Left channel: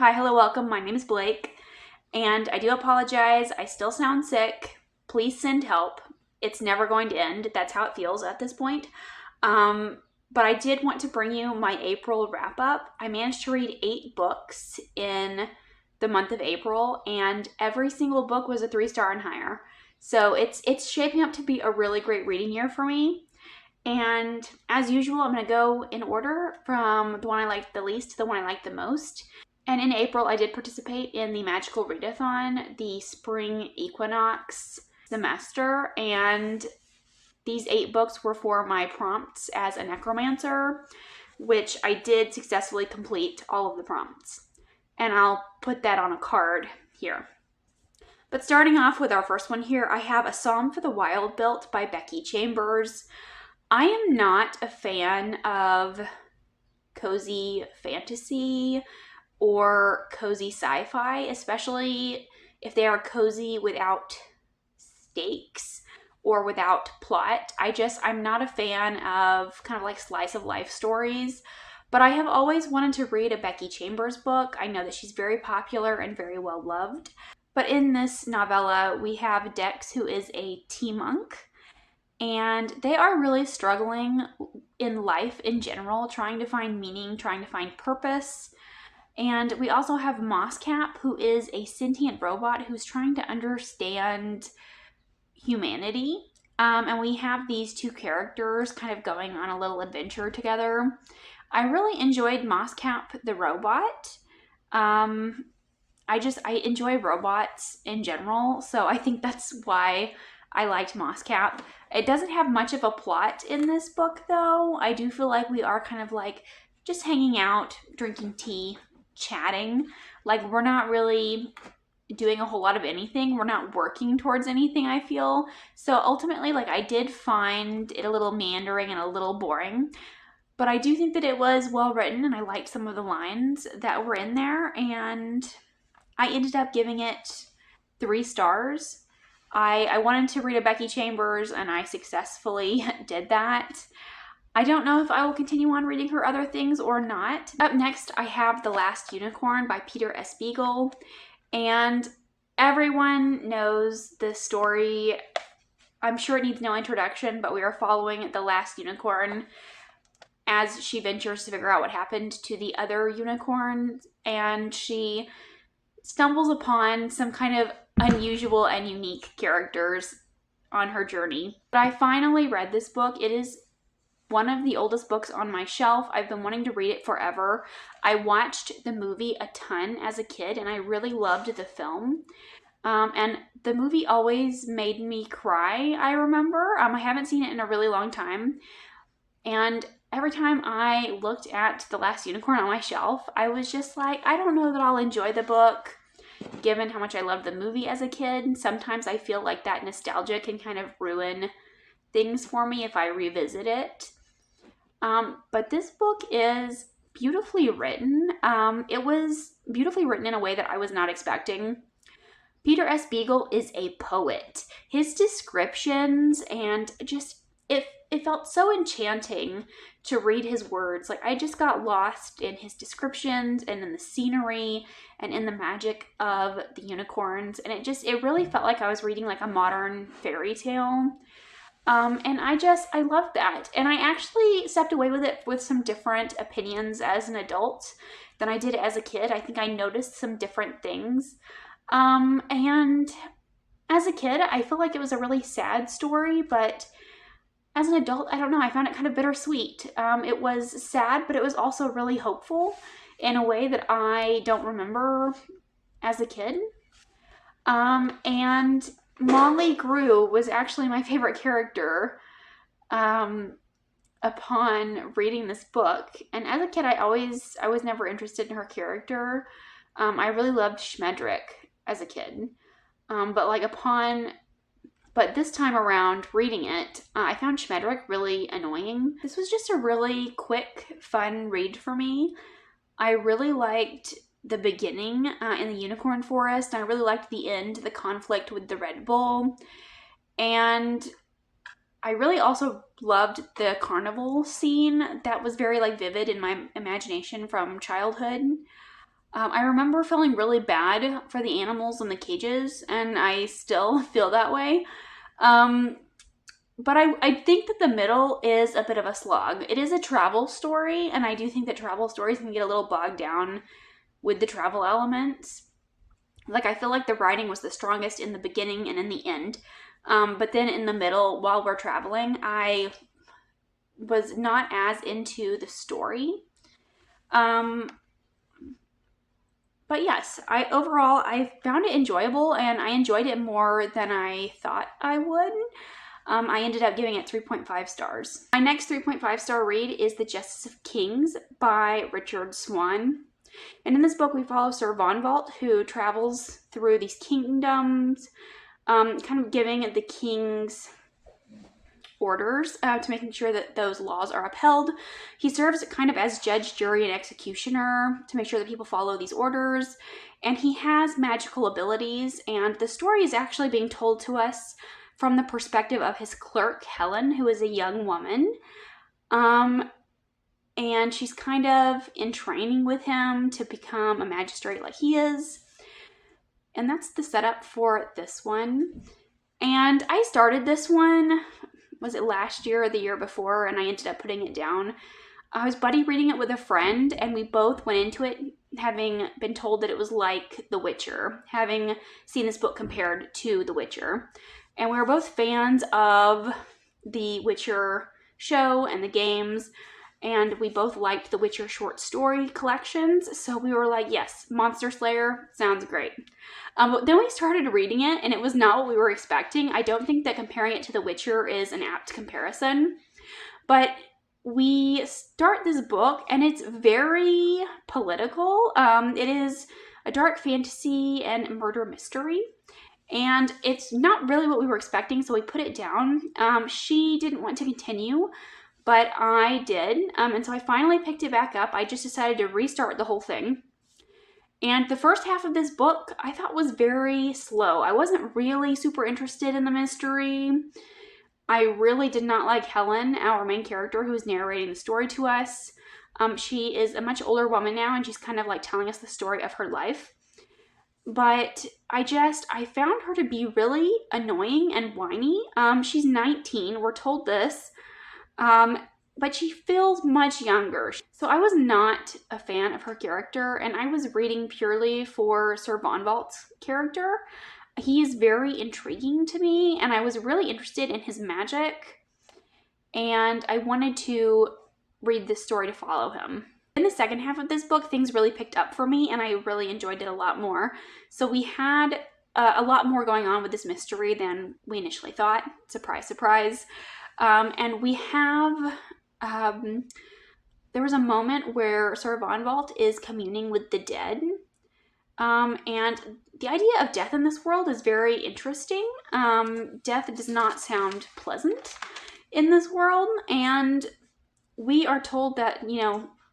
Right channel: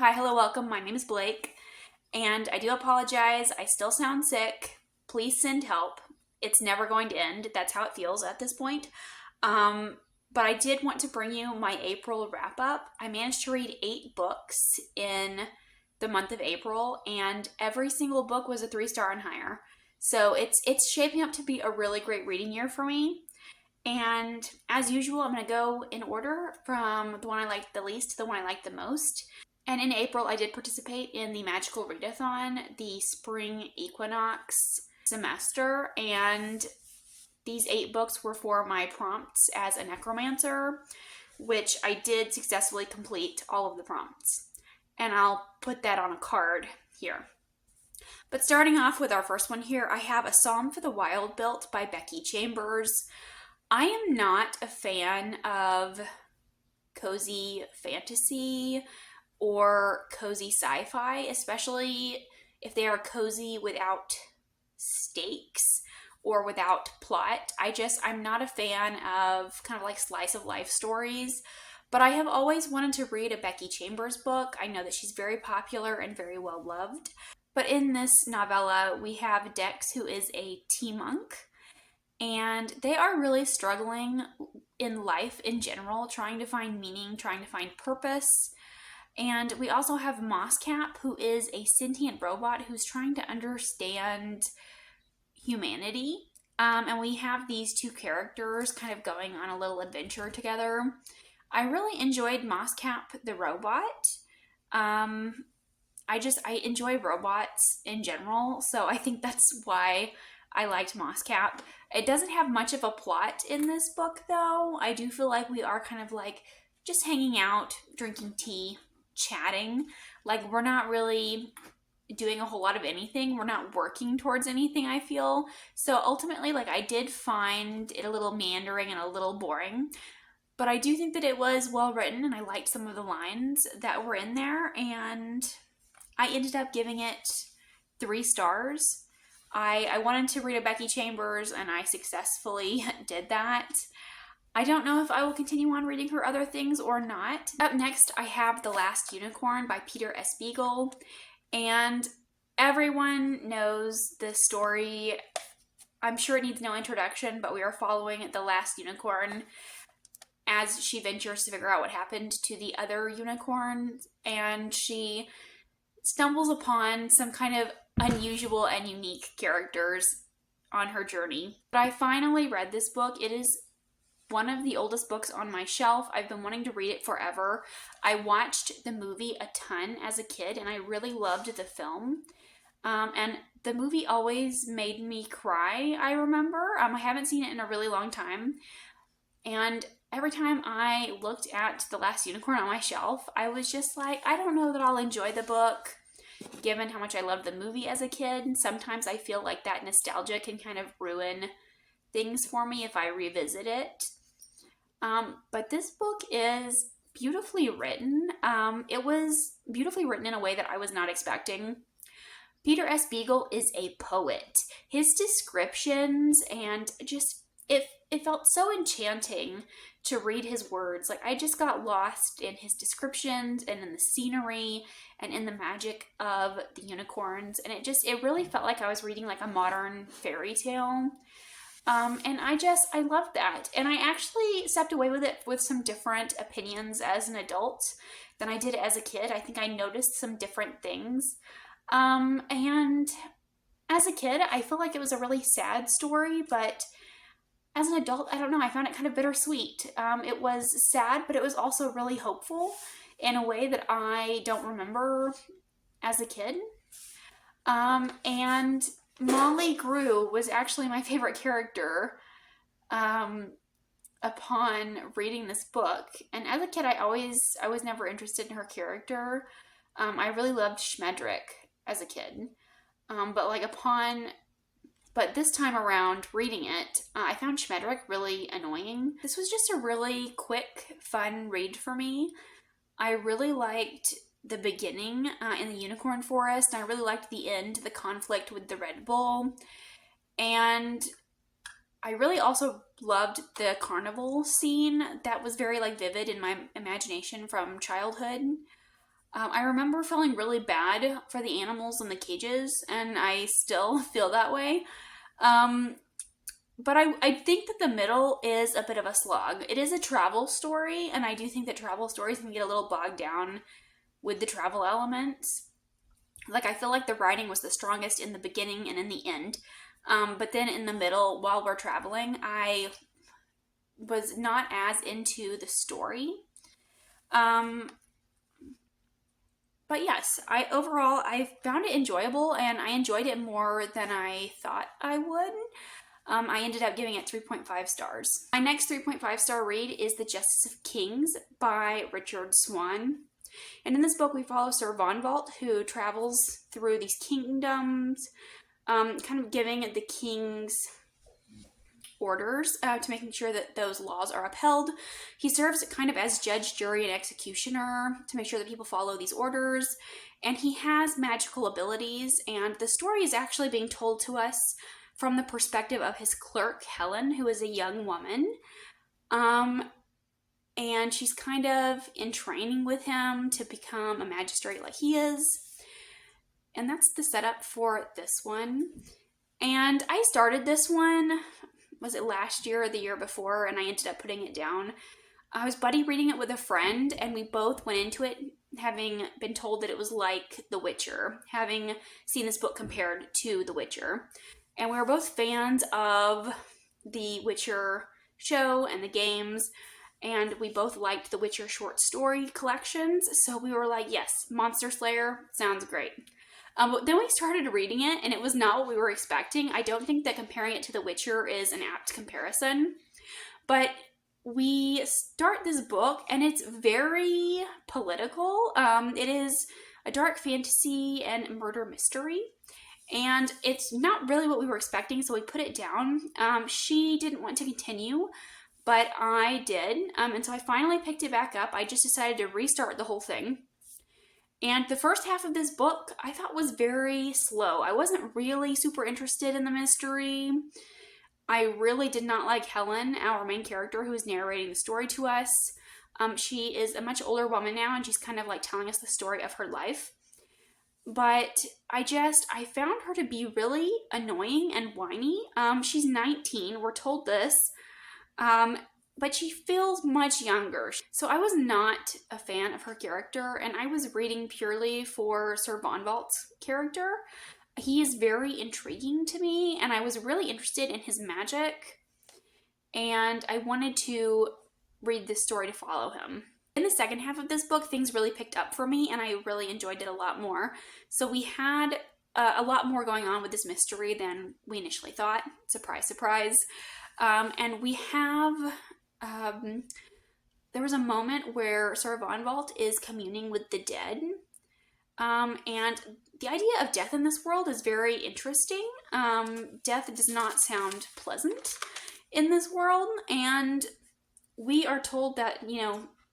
Hi, hello, welcome. My name is Blake, and I do apologize. I still sound sick. Please send help. It's never going to end. That's how it feels at this point. But I did want to bring you my April wrap up. I managed to read 8 books in the month of April, and every single book was a 3-star and higher. So it's shaping up to be a really great reading year for me. And as usual, I'm going to go in order from the one I like the least to the one I like the most. And in April, I did participate in the Magical Readathon, the spring equinox semester, and these 8 books were for my prompts as a necromancer, which I did successfully complete all of the prompts. And I'll put that on a card here. But starting off with our first one here, I have A Psalm for the Wild Built by Becky Chambers. I am not a fan of cozy fantasy or cozy sci-fi, especially if they are cozy without stakes or without plot. I'm not a fan of kind of like slice of life stories, but I have always wanted to read a Becky Chambers book. I know that she's very popular and very well loved. But in this novella, we have Dex, who is a tea monk, and they are really struggling in life in general, trying to find meaning, trying to find purpose. And we also have Mosscap, who is a sentient robot who's trying to understand humanity. And we have these 2 characters kind of going on a little adventure together. I really enjoyed Mosscap the robot. I enjoy robots in general, so I think that's why I liked Mosscap. It doesn't have much of a plot in this book, though. I do feel like we are kind of like just hanging out, drinking tea, chatting. Like, we're not really doing a whole lot of anything. We're not working towards anything, I feel. So ultimately, like, I did find it a little meandering and a little boring. But I do think that it was well written, and I liked some of the lines that were in there. And I ended up giving it 3 stars. I wanted to read a Becky Chambers, and I successfully did that. I don't know if I will continue on reading her other things or not. Up next, I have The Last Unicorn by Peter S. Beagle. And everyone knows this story. I'm sure it needs no introduction, but we are following the last unicorn as she ventures to figure out what happened to the other unicorn. And she stumbles upon some kind of unusual and unique characters on her journey. But I finally read this book. It is one of the oldest books on my shelf. I've been wanting to read it forever. I watched the movie a ton as a kid, and I really loved the film. And the movie always made me cry, I remember. I haven't seen it in a really long time. And every time I looked at The Last Unicorn on my shelf, I was just like, I don't know that I'll enjoy the book, given how much I loved the movie as a kid. Sometimes I feel like that nostalgia can kind of ruin things for me if I revisit it. But this book is beautifully written. It was beautifully written in a way that I was not expecting. Peter S. Beagle is a poet. His descriptions and just, it felt so enchanting to read his words. Like, I just got lost in his descriptions and in the scenery and in the magic of the unicorns. And it really felt like I was reading like a modern fairy tale. And I loved that. And I actually stepped away with it with some different opinions as an adult than I did as a kid. I think I noticed some different things. And as a kid, I feel like it was a really sad story, but as an adult, I don't know, I found it kind of bittersweet. It was sad, but it was also really hopeful in a way that I don't remember as a kid. And Molly Grew was actually my favorite character upon reading this book. And as a kid, I was never interested in her character. I really loved Schmedrick as a kid. But this time around reading it, I found Schmedrick really annoying. This was just a really quick, fun read for me. I really liked the beginning in the Unicorn Forest. I really liked the end, the conflict with the Red Bull. And I really also loved the carnival scene that was very like vivid in my imagination from childhood. I remember feeling really bad for the animals in the cages, and I still feel that way. Um, but I think that the middle is a bit of a slog. It is a travel story, and I do think that travel stories can get a little bogged down with the travel elements. Like, I feel like the writing was the strongest in the beginning and in the end. But then in the middle, while we're traveling, I was not as into the story. Um, but yes, I found it enjoyable, and I enjoyed it more than I thought I would. I ended up giving it 3.5 stars. My next 3.5 star read is The Justice of Kings by Richard Swan. And in this book, we follow Sir Vonvalt, who travels through these kingdoms, kind of giving the king's orders to making sure that those laws are upheld. He serves kind of as judge, jury, and executioner to make sure that people follow these orders. And he has magical abilities, and the story is actually being told to us from the perspective of his clerk, Helen, who is a young woman. And she's kind of in training with him to become a magistrate like he is. And that's the setup for this one. And I started this one, was it last year or the year before, and I ended up putting it down. I was buddy reading it with a friend, and we both went into it having been told that it was like The Witcher, having seen this book compared to The Witcher. And we were both fans of the Witcher show and the games, and we both liked the Witcher short story collections, so we were like, yes, Monster Slayer sounds great. But then we started reading it, and it was not what we were expecting. I don't think that comparing it to The Witcher is an apt comparison, but we start this book, and it's very political. It is a dark fantasy and murder mystery, and it's not really what we were expecting, so we put it down. She didn't want to continue, but I did, and so I finally picked it back up. I just decided to restart the whole thing. And the first half of this book I thought was very slow. I wasn't really super interested in the mystery. I really did not like Helen, our main character, who is narrating the story to us. She is a much older woman now, and she's kind of like telling us the story of her life. But I found her to be really annoying and whiny. She's 19, we're told this. But she feels much younger. So I was not a fan of her character, and I was reading purely for Sir Vonvalt's character. He is very intriguing to me, and I was really interested in his magic, and I wanted to read this story to follow him. In the second half of this book, things really picked up for me, and I really enjoyed it a lot more. So we had a lot more going on with this mystery than we initially thought. Surprise, surprise. And we have... there was a moment where Sir Vonvalt is communing with the dead. And the idea of death in this world is very interesting. Death does not sound pleasant in this world, and we are told that,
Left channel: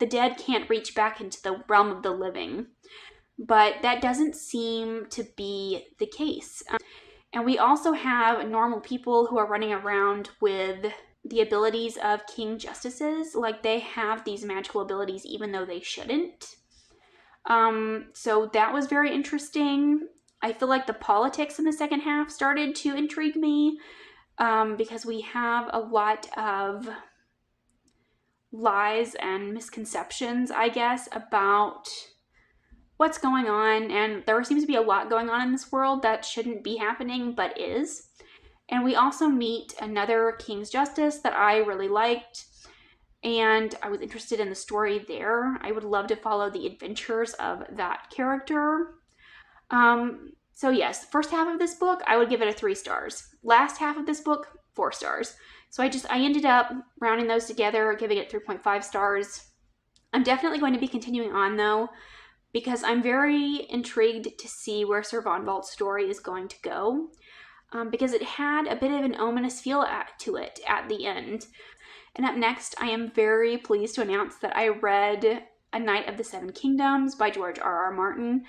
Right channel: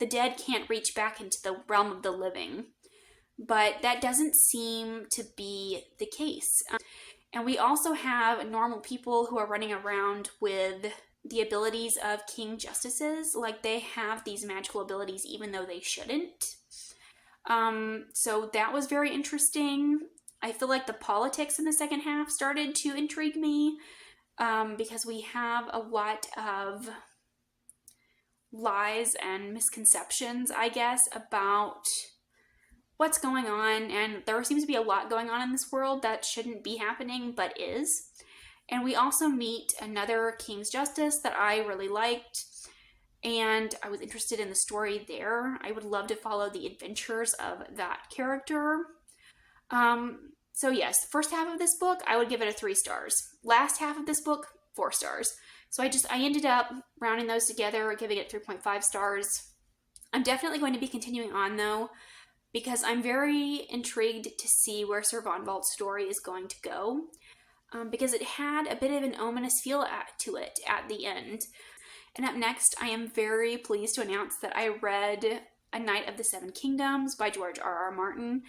the dead can't reach back into the realm of the living. But that doesn't seem to be the case. And we also have normal people who are running around with the abilities of king justices. Like, they have these magical abilities even though they shouldn't. So that was very interesting. I feel like the politics in the second half started to intrigue me, because we have a lot of lies and misconceptions, I guess, about what's going on, and there seems to be a lot going on in this world that shouldn't be happening, but is. And we also meet another King's Justice that I really liked, and I was interested in the story there. I would love to follow the adventures of that character. So yes, first half of this book, I would give it a 3 stars. Last half of this book, 4 stars. So I ended up rounding those together, giving it 3.5 stars. I'm definitely going to be continuing on, though, because I'm very intrigued to see where Sir Vonvalt's story is going to go, because it had a bit of an ominous feel to it at the end. And up next, I am very pleased to announce that I read A Knight of the Seven Kingdoms by George R.R. Martin.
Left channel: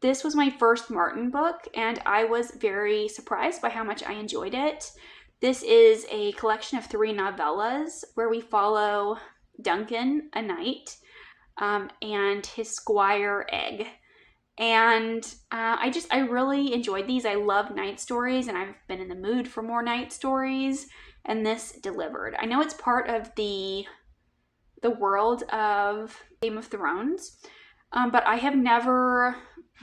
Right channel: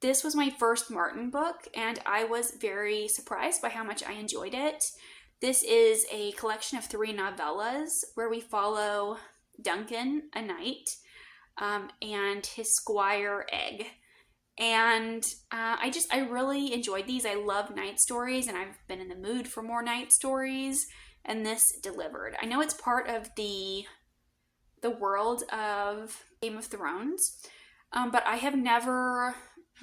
This was my first Martin book, and I was very surprised by how much I enjoyed it. This is a collection of 3 novellas where we follow Duncan, a knight, and his squire Egg. And I really enjoyed these. I love night stories, and I've been in the mood for more night stories, and this delivered. I know it's part of the world of Game of Thrones, but I have never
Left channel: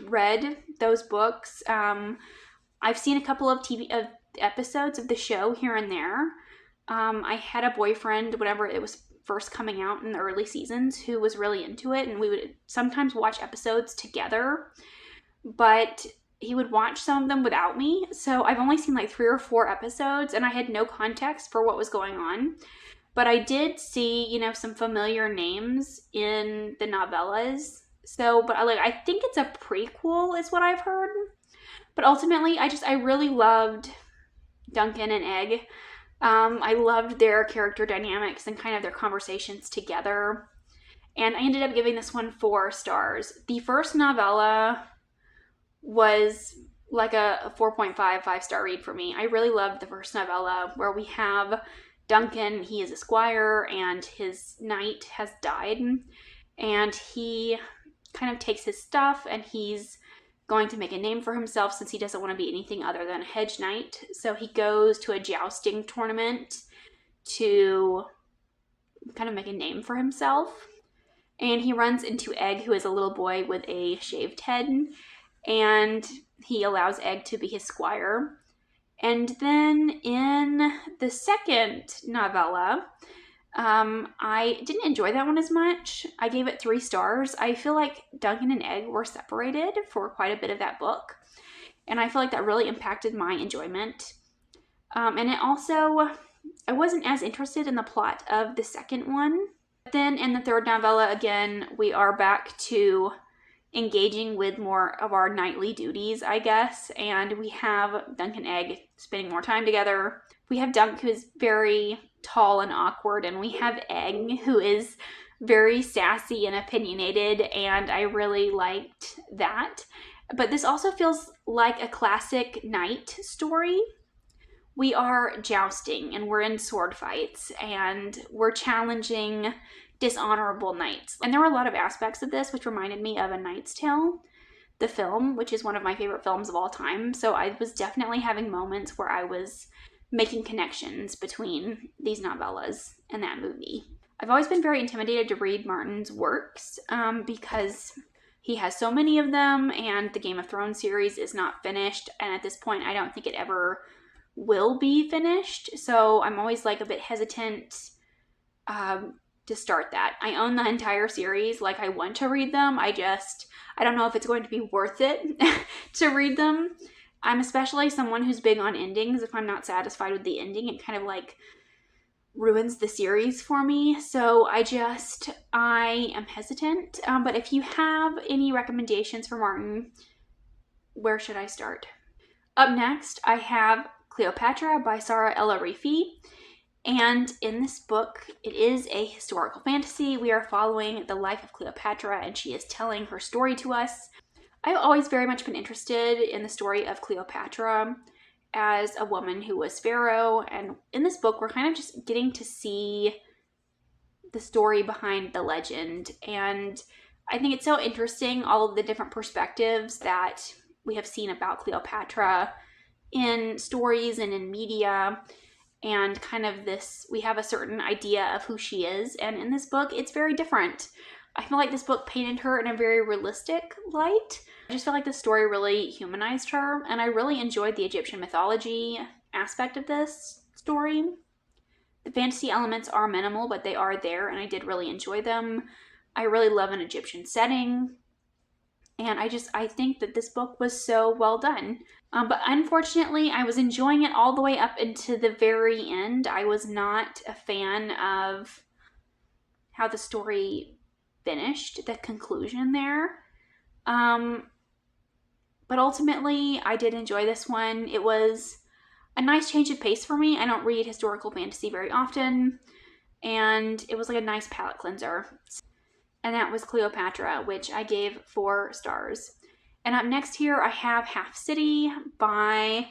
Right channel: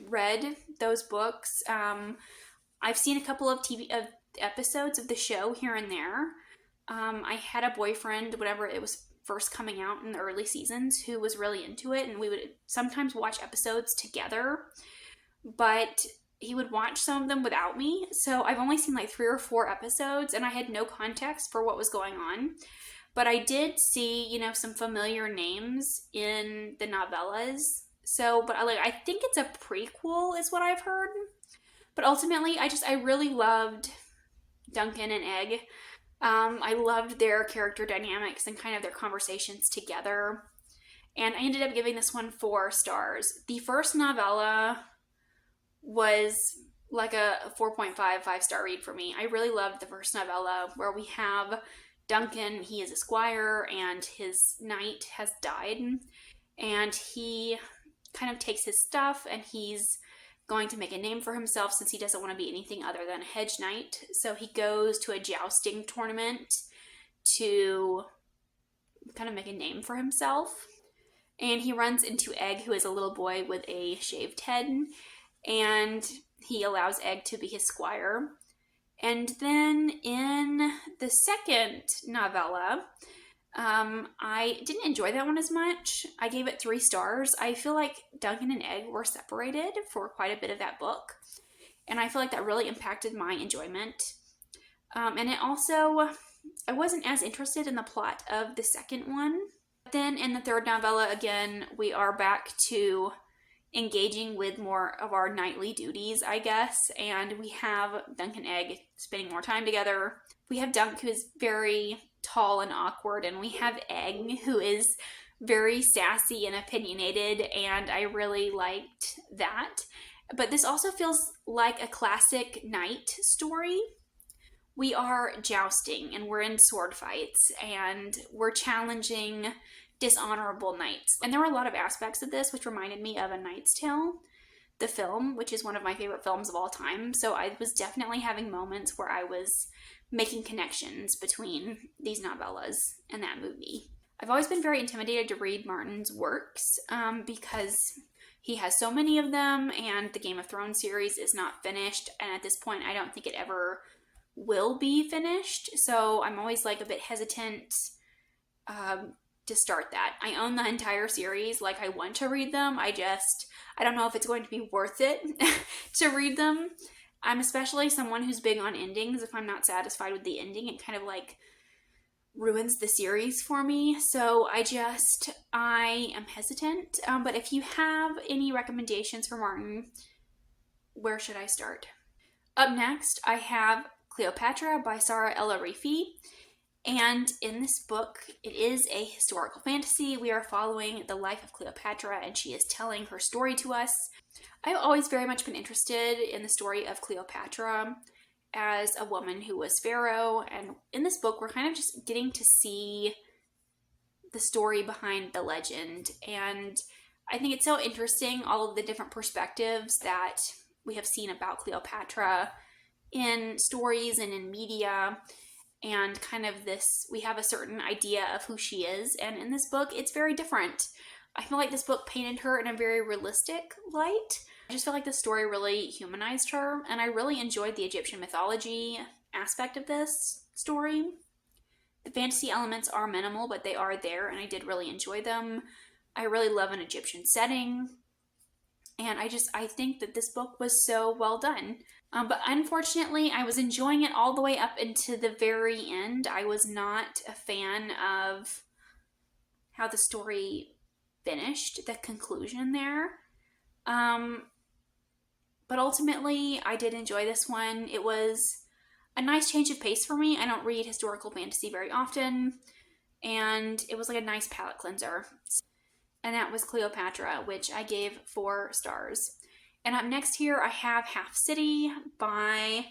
read those books. I've seen a couple of TV episodes of the show here and there. I had a boyfriend whenever it was first coming out in the early seasons who was really into it, and we would sometimes watch episodes together, but he would watch some of them without me. So I've only seen like 3 or 4 episodes, and I had no context for what was going on. But I did see, some familiar names in the novellas. So, but I think it's a prequel is what I've heard. But ultimately, I really loved Duncan and Egg. I loved their character dynamics and kind of their conversations together. And I ended up giving this one 4 stars. The first novella was like a 4.5, 5-star read for me. I really loved the first novella where we have Duncan. He is a squire and his knight has died. And he kind of takes his stuff and he's going to make a name for himself since he doesn't want to be anything other than a hedge knight. So he goes to a jousting tournament to kind of make a name for himself. And he runs into Egg, who is a little boy with a shaved head. And he allows Egg to be his squire. And then in the second novella, I didn't enjoy that one as much. I gave it 3 stars. I feel like Duncan and Egg were separated for quite a bit of that book. And I feel like that really impacted my enjoyment. And it also, I wasn't as interested in the plot of the second one. But then in the third novella, again, we are back to engaging with more of our nightly duties, I guess. And we have Dunk and Egg spending more time together. We have Dunk, who is very tall and awkward, and we have Egg, who is very sassy and opinionated, and I really liked that. But this also feels like a classic knight story. We are jousting, and we're in sword fights, and we're challenging dishonorable knights. And there were a lot of aspects of this which reminded me of A Knight's Tale, the film, which is one of my favorite films of all time. So I was definitely having moments where I was making connections between these novellas and that movie. I've always been very intimidated to read Martin's works because he has so many of them, and the Game of Thrones series is not finished, and at this point I don't think it ever will be finished, so I'm always like a bit hesitant to start that. I own the entire series, like I want to read them, I don't know if it's going to be worth it to read them. I'm especially someone who's big on endings. If I'm not satisfied with the ending, it kind of like ruins the series for me. So I am hesitant. But if you have any recommendations for Martin, where should I start? Up next, I have Cleopatra by Sara El-Arifi. And in this book, it is a historical fantasy. We are following the life of Cleopatra, and she is telling her story to us. I've always very much been interested in the story of Cleopatra as a woman who was pharaoh, and in this book we're kind of just getting to see the story behind the legend, and I think it's so interesting, all of the different perspectives that we have seen about Cleopatra in stories and in media, and kind of this, we have a certain idea of who she is, and in this book it's very different. I feel like this book painted her in a very realistic light. I just felt like the story really humanized her, and I really enjoyed the Egyptian mythology aspect of this story. The fantasy elements are minimal, but they are there, and I did really enjoy them. I really love an Egyptian setting, and I think that this book was so well done. But unfortunately, I was enjoying it all the way up into the very end. I was not a fan of how the story finished, the conclusion there. But ultimately, I did enjoy this one. It was a nice change of pace for me. I don't read historical fantasy very often, and it was like a nice palate cleanser. And that was Cleopatra, which I gave 4 stars. And up next here, I have Half City by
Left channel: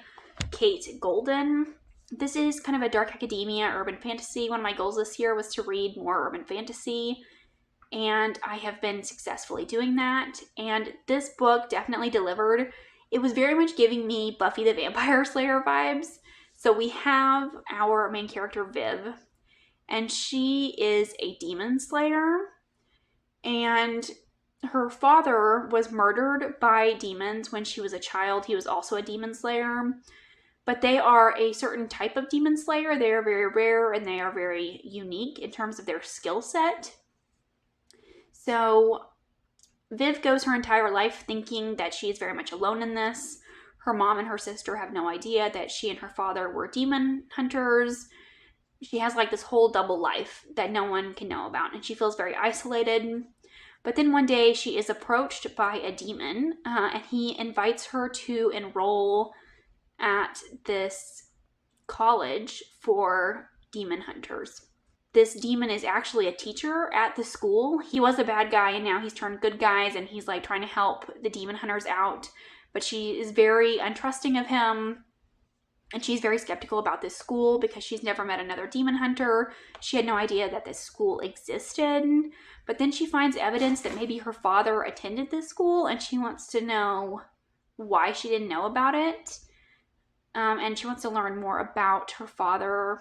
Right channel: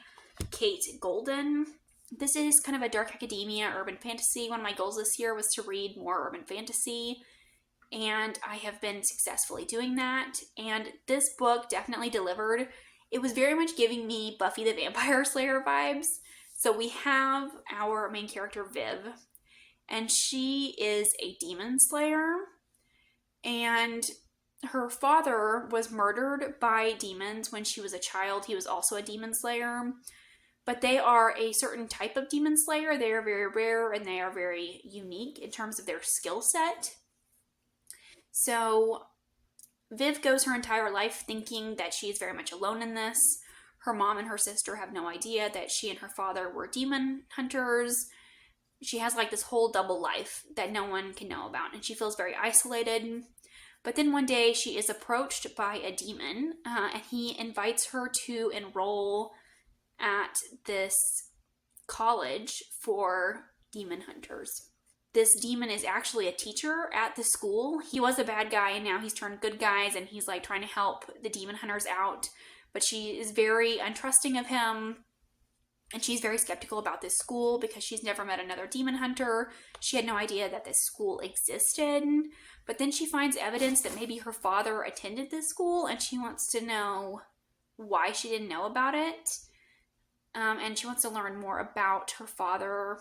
Kate Golden. This is kind of a dark academia urban fantasy. One of my goals this year was to read more urban fantasy. and I have been successfully doing that. And this book definitely delivered. It was very much giving me Buffy the Vampire Slayer vibes. So we have our main character, Viv, and she is a demon slayer. And her father was murdered by demons when she was a child. He was also a demon slayer. But they are a certain type of demon slayer. They are very rare and they are very unique in terms of their skill set. So Viv goes her entire life thinking that she is very much alone in this. Her mom and her sister have no idea that she and her father were demon hunters. She has like this whole double life that no one can know about, and she feels very isolated. But then one day she is approached by a demon, and he invites her to enroll at this college for demon hunters. This demon is actually a teacher at the school. He was a bad guy and now he's turned good guys, and he's like trying to help the demon hunters out. But she is very untrusting of him, and she's very skeptical about this school because she's never met another demon hunter. She had no idea that this school existed. But then she finds evidence that maybe her father attended this school, and she wants to know why she didn't know about it. And she wants to learn more about her father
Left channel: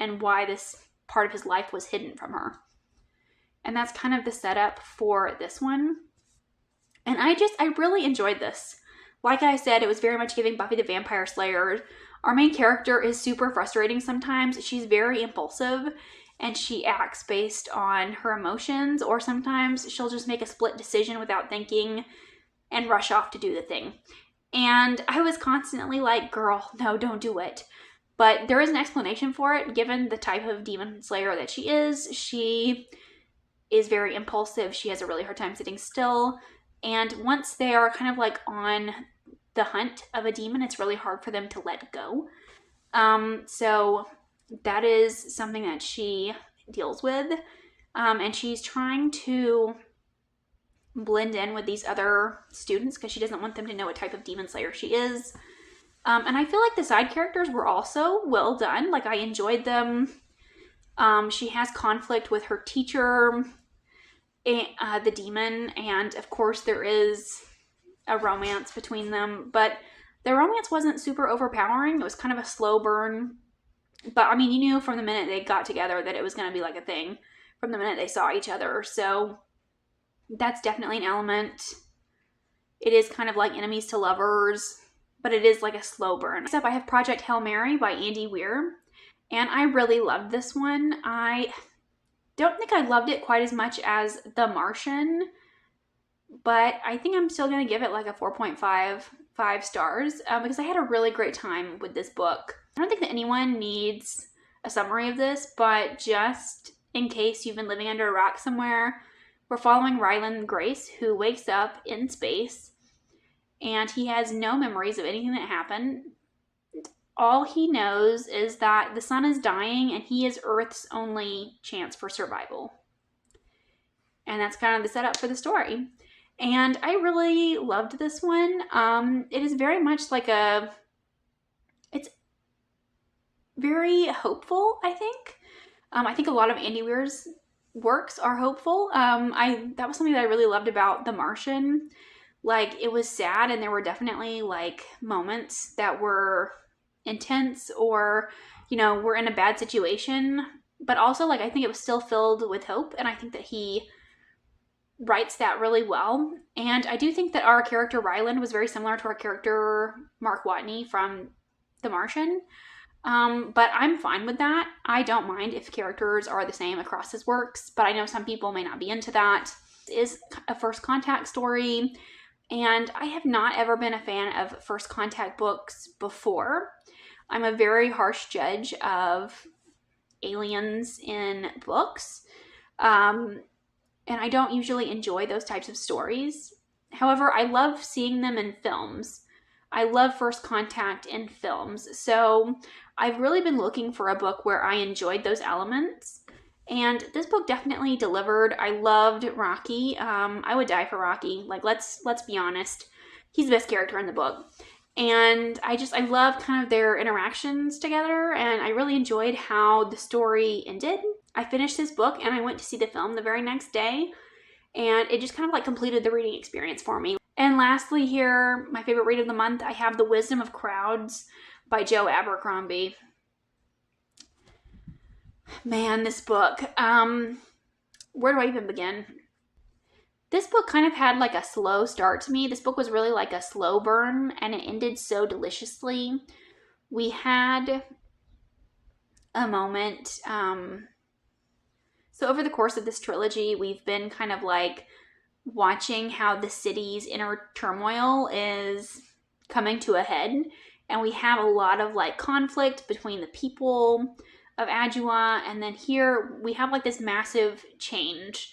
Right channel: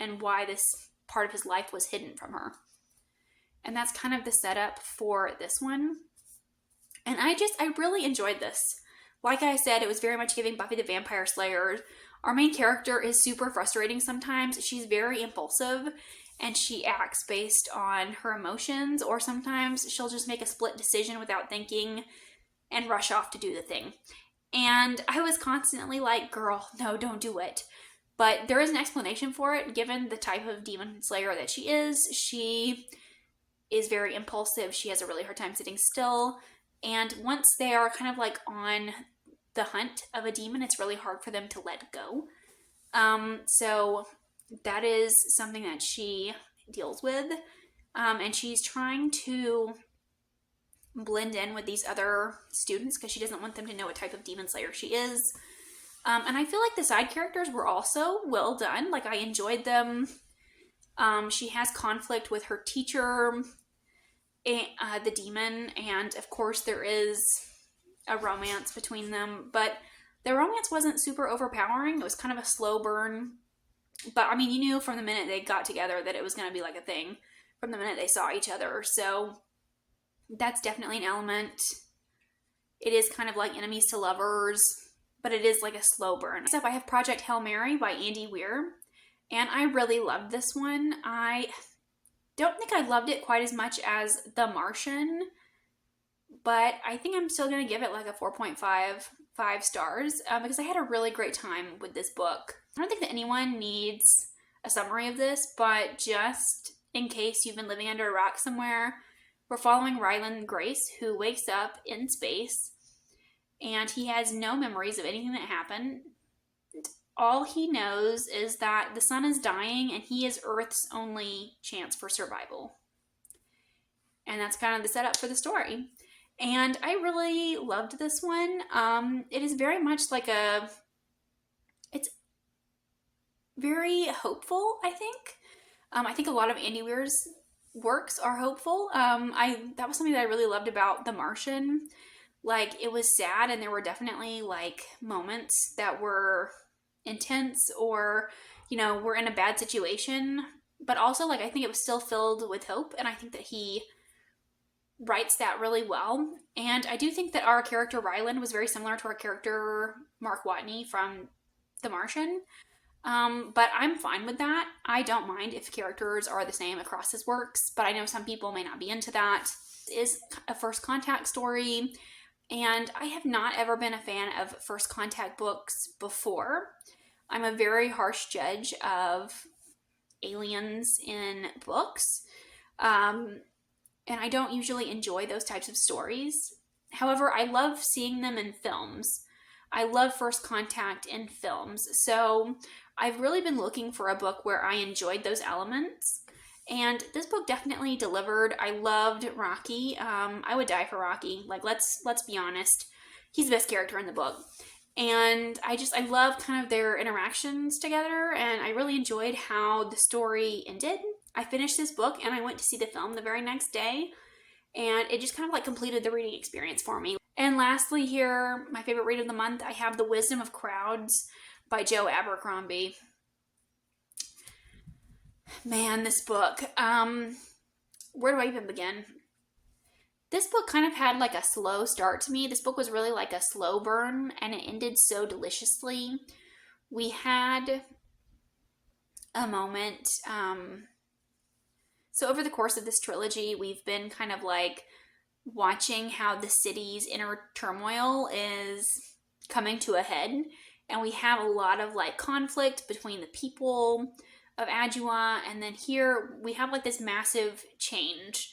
and why this part of his life was hidden from her. And that's kind of the setup for this one. And I really enjoyed this. Like I said, it was very much giving Buffy the Vampire Slayer. Our main character is super frustrating sometimes. She's very impulsive and she acts based on her emotions, or sometimes she'll just make a split decision without thinking and rush off to do the thing. And I was constantly like, girl, no, don't do it. But there is an explanation for it, given the type of demon slayer that she is. She is very impulsive. She has a really hard time sitting still. And once they are kind of like on the hunt of a demon, it's really hard for them to let go. So that is something that she deals with. And she's trying to blend in with these other students because she doesn't want them to know what type of demon slayer she is. And I feel like the side characters were also well done. Like, I enjoyed them. She has conflict with her teacher, the demon, and of course there is a romance between them, but the romance wasn't super overpowering. It was kind of a slow burn. But I mean, you knew from the minute they got together that it was going to be like a thing from the minute they saw each other. So that's definitely an element. It is kind of like enemies to lovers, but it is like a slow burn. Next up, I have Project Hail Mary by Andy Weir, and I really loved this one. I don't think I loved it quite as much as The Martian, but I think I'm still going to give it like a 4.5 stars because I had a really great time with this book. I don't think that anyone needs a summary of this, but just in case you've been living under a rock somewhere, we're following Ryland Grace, who wakes up in space, and he has no memories of anything that happened. All he knows is that the sun is dying, and he is Earth's only chance for survival. And that's kind of the setup for the story. And I really loved this one. It is very much like it's very hopeful, I think. I think a lot of Andy Weir's works are hopeful. That was something that I really loved about The Martian. Like, it was sad, and there were definitely like moments that were intense, or, you know, were in a bad situation, but also like I think it was still filled with hope, and I think that he writes that really well. And I do think that our character Ryland was very similar to our character Mark Watney from The Martian. But I'm fine with that. I don't mind if characters are the same across his works, but I know some people may not be into that. It is a first contact story, and I have not ever been a fan of first contact books before. I'm a very harsh judge of aliens in books, and I don't usually enjoy those types of stories. However, I love seeing them in films. I love first contact in films, so I've really been looking for a book where I enjoyed those elements, and this book definitely delivered. I loved Rocky. I would die for Rocky. Like, let's be honest. He's the best character in the book. And I love kind of their interactions together, and I really enjoyed how the story ended. I finished this book and I went to see the film the very next day, and it just kind of like completed the reading experience for me. And lastly here, my favorite read of the month, I have The Wisdom of Crowds by Joe Abercrombie. Man, this book, where do I even begin? This book kind of had like a slow start to me. This book was really like a slow burn, and it ended so deliciously. We had a moment, so over the course of this trilogy, we've been kind of like watching how the city's inner turmoil is coming to a head, and we have a lot of like conflict between the people of Adua, and then here we have like this massive change,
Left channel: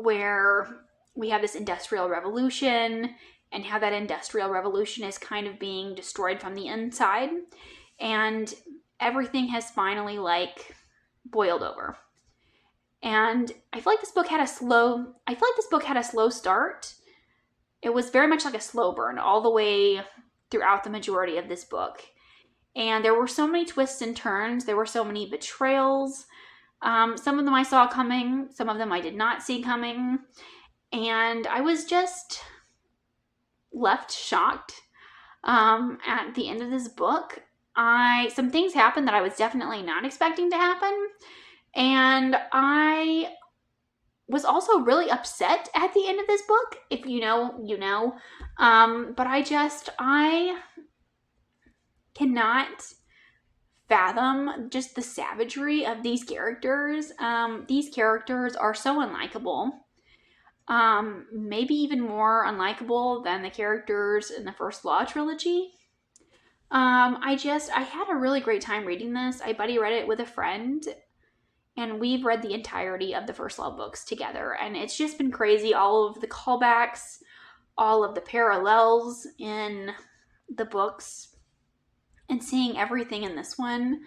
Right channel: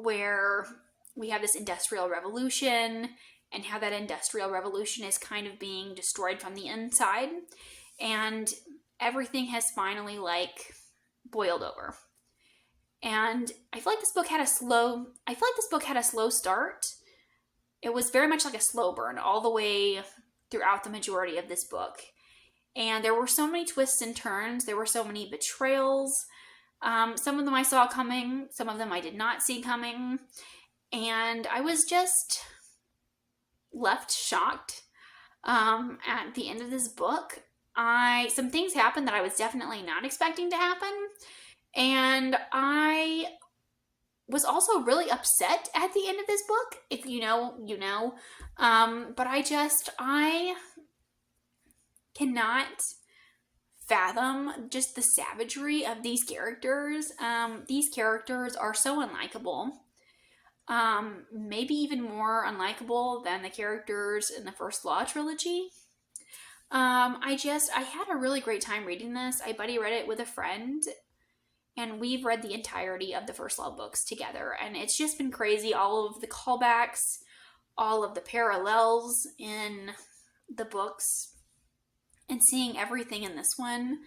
where we have this industrial revolution, and how that industrial revolution is kind of being destroyed from the inside, and everything has finally like boiled over. And I feel like this book had a slow start. It was very much like a slow burn all the way throughout the majority of this book. And there were so many twists and turns. There were so many betrayals. Some of them I saw coming. Some of them I did not see coming. And I was just left shocked at the end of this book. Some things happened that I was definitely not expecting to happen. And I was also really upset at the end of this book. If you know, you know. But I cannot fathom just the savagery of these characters. These characters are so unlikable. Maybe even more unlikable than the characters in the First Law trilogy. I had a really great time reading this. I buddy read it with a friend, and we've read the entirety of the First Law books together, and it's just been crazy. All of the callbacks, all of the parallels in the books, and seeing everything in this one.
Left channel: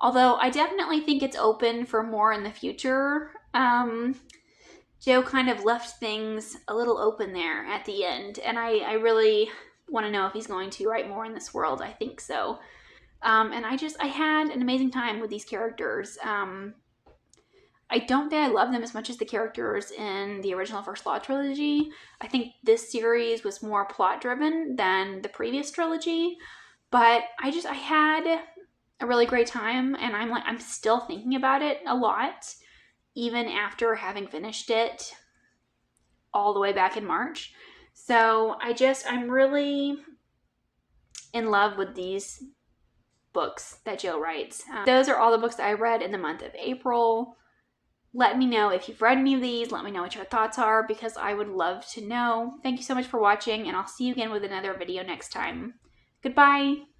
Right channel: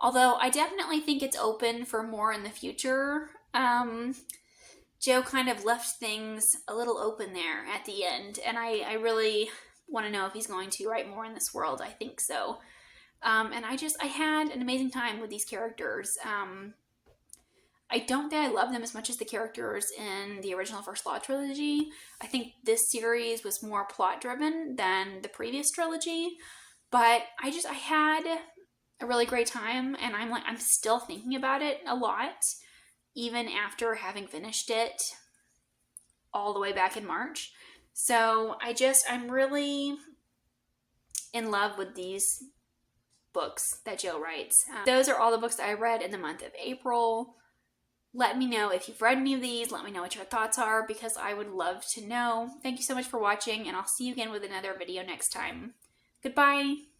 Although I definitely think it's open for more in the future. Joe kind of left things a little open there at the end, and I really want to know if he's going to write more in this world. I think so. And I had an amazing time with these characters. I don't think I love them as much as the characters in the original First Law trilogy. I think this series was more plot driven than the previous trilogy, but I had a really great time, and I'm still thinking about it a lot, even after having finished it all the way back in March. So I'm really in love with these books that Joe writes. Those are all the books that I read in the month of April. Let me know if you've read any of these. Let me know what your thoughts are, because I would love to know. Thank you so much for watching, and I'll see you again with another video next time. Goodbye.